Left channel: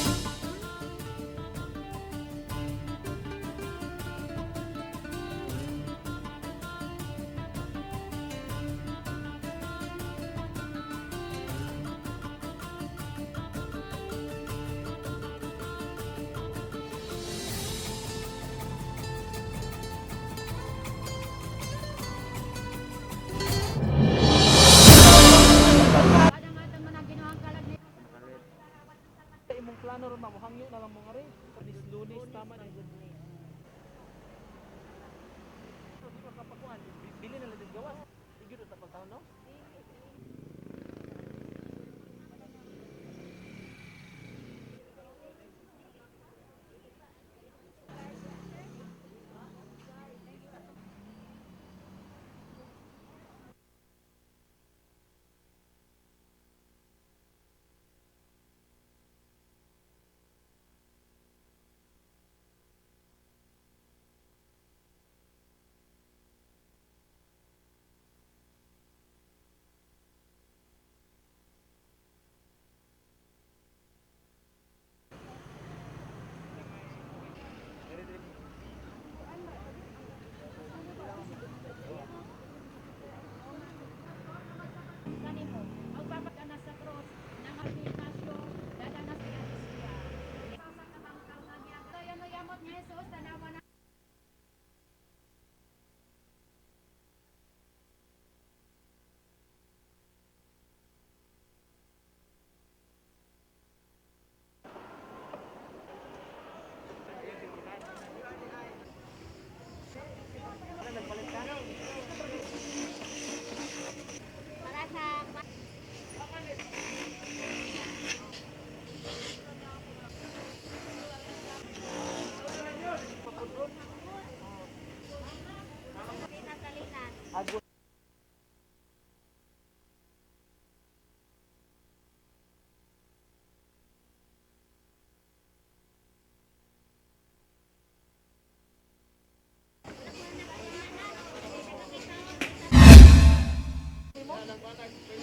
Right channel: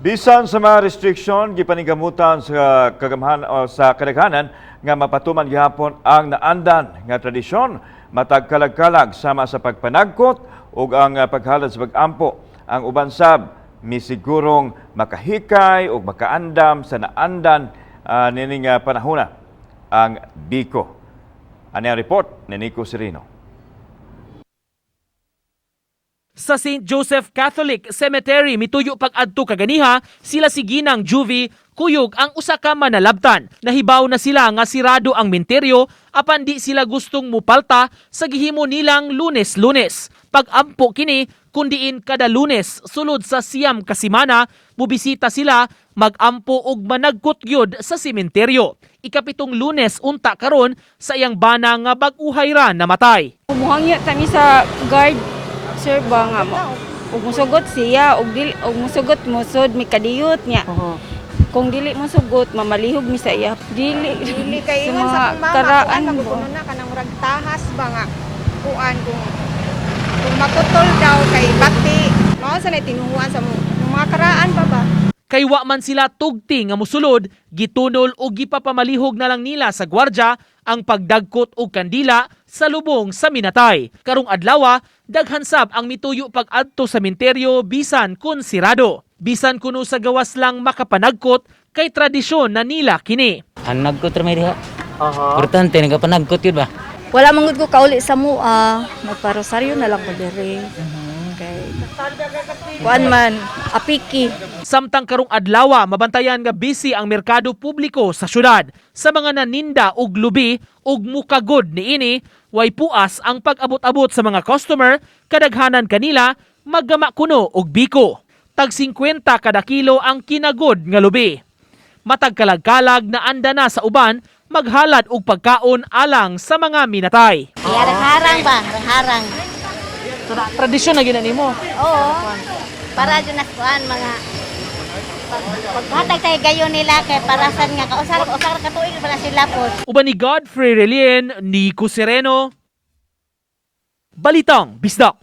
Bisan sa mga restriksyon, gipanigamutan sa kagamhan o sa kadaghanan nga mapatuman gihapon ang naandan nga tradisyon matag kalag-kalag sama sa pagpanagkot ug ang paghalad sa pag-ampo. Ang uban sab misigurong makahikay ug makaandam sa naandan nining panahona ang biko. Ani ang report ni Nico Serino. Sa St. Joseph Catholic Cemetery mituyo pag-adto kaganiha, sila si Ginang Juvie kuyog ang usa ka manalabtan. Nahibaw na sila nga sirado ang menteryo apan di sila gustong mupalta sa gihimo nilang Lunes-Lunes. Pag-ampo kini kundiin kada Lunes sulod sa siyam ka semana mubisita sila mag-ampo og managkot gyud sa sementeryo. Ikapitong Lunes unta karon sa iyang bana nga bag-uhay ra namatay. Umuhangya kami sa guard. Sir ba nga mo? Ug musugot siya, ug musugot musod mi kadiyot niya. Kung dili mo sugot, mamalihog mi sa iya. Dili kay ingon sa mama, karaan kuan mo. na kanang murag tahas ba nga kuan kung makutol daw kay bati. Mao sa nay tinuhuan sa mga karaan pa ba? Kay wa man sila tugti nga musulod, gitunol o gipapamalihog na lang nila sa gwardya ang pagdagkot og kandila sa lubong sa minatay. Karong adlaw, daghan sab ang mituyo pag-adto sa sementeryo bisan kun sirado. Bisan kuno sa gawas lang makapanagkot kay tradisyon na nila kini. Ang nagkot ra may diha. Importante nagapanagkot yun ba? Wala mangud ko kauli sa mua, magparosaryo na lang ko diri. Okay. Kuan man, apiki. Samtang karong adlaw, mabantayan nga busy ang merkado publiko sa syudad. Sa mga naninda og lubi ug mukagod niini, way puas ang pag-abot-abot sa mga customer, kadaghanan kanila maggama kuno og biko. Tag 50 kada kilo ang kinagod nga lubi. Matag kalag-kalag na anda na sa uban, maghalad og pagkaon alang sa mga minatay. Harang ba? Harang. Tradisyon na ginani mo. Oo. Para dyan na kuan mga paghatag tayo gayon nila kay parasan nga kausar ka tuig para sila po. Uban ni Godfrey Relien, Nico Sereno, Balitang Bisdak.